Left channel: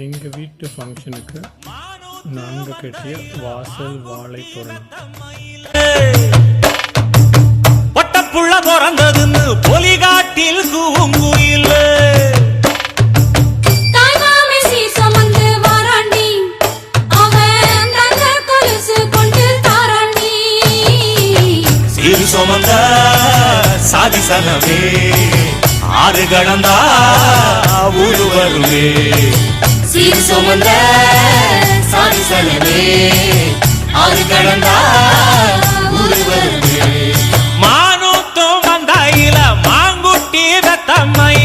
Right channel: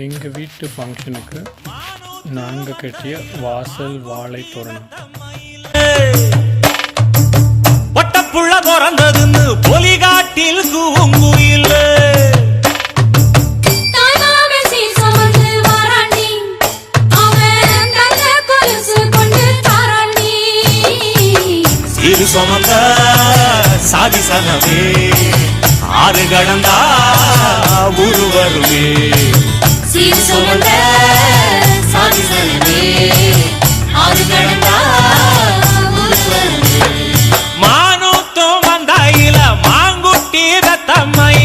எங்கள் வீட்டு ஃபங்க்ஷனுக்கு நாங்கள் கட்டிய வாசல் வாழை தோரணம். பட்டப்புள்ள பிறந்ததுன்னு பொலிகாட்டில் கூங்குயில் சிறு சுமந்த சாதி சனவே ஆறு கடந்தா ஊரு வருவே. சிறு சுமந்த சாதி சனவே ஆறு கடந்தா ஊரு வருவே. மானூத்தும் வந்தாயில மாங்குட்டி ரத்தம்மை